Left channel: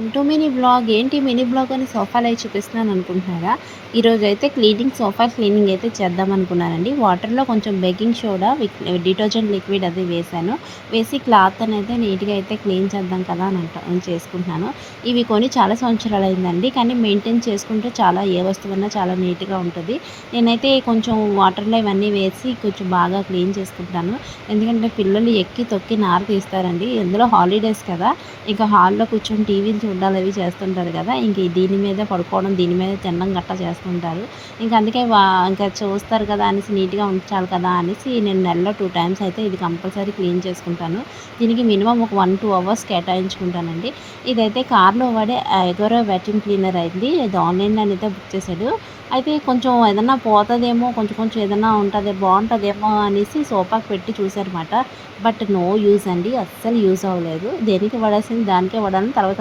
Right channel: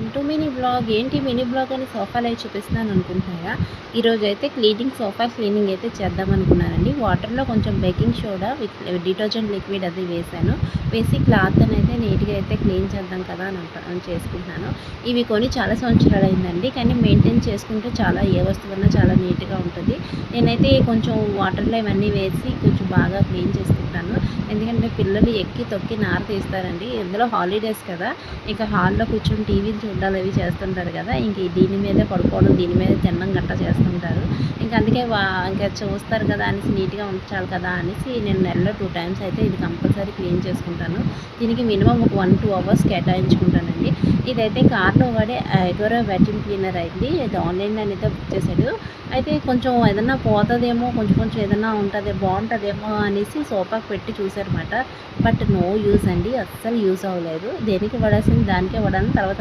Welcome to mini blog ఏంటి? Mini blog అని సోఫాలు అవి చూపిస్తున్నాను అనుకుంటున్నారా? ఈరోజు అయితే క్లీనింగ్ సోఫా క్లీనింగ్ అయితే చేద్దాం అనుకున్నానండి. వాటర్లో కొంచెం బేకింగ్ సోడా డిటర్జెంట్ లిక్విడ్ అది వేసాను వేసి క్లాత్ అనేది నీట్గా అయితే క్లీన్ చేద్దాం కదా అని చేసుకుంటున్నాను. ఇవి కొని చాలా సంవత్సరాలు అయిందండి. కానీ మెయింటైన్ చేసుకుంటే చాలా ఏ వస్తువున్నా చాలా నీట్గా ఉంటుంది. నేనైతే కొంచెం వాటర్లో ఇవన్నీ వేసి కొంచెం బాగా క్లీన్ చేసుకుంటాను. ఎందుకంటే పిల్లలు ఎక్కి తొక్కి నార తీస్తారండి. ఇందులో హాలిడేస్ కదా. ఇంకా హాల్లో కూర్చొని టీవీలు గుడ్డలు అవి చేస్తుంటారు కదా. ఇంక దీని మీదే పడుకోవడం దీని మీద తినడం గట్టా చేస్తుంటారు. ఇంకా అందుకే వా ఇంకా చూస్తారు కదా అనేసి నీట్గా ఉంచాలి కదా అనేసి నేను నెలలో టూ టైమ్స్ అయితే ఇది కంపల్సరీ క్లీన్ చేసుకుంటాను. దీనికి మినిమం ఒక వన్ టూ అవర్స్ కేటాయించుకుంటానండి. ఇదైతే కార్లో వాడే ఎగోరో వ్యాక్యూమ్ క్లీనర్ అయింది ఇది ఆన్లైన్లో అయితే బుక్ చేశాడు. అయితే కొంచెం ఏదన్నా పోతుందేమో కొంచెం కొంచెం ఏదన్నా ఉంటుంది బాగుంటుందేమో అనేసి సోఫాకి పెట్టి చూసారన్నమాట బట్ నో యూజ్ అండి అస్సలు యూస్ అవ్వలేదు. దేనికి పడాల్సింది దానికే పడాలని తర్వాత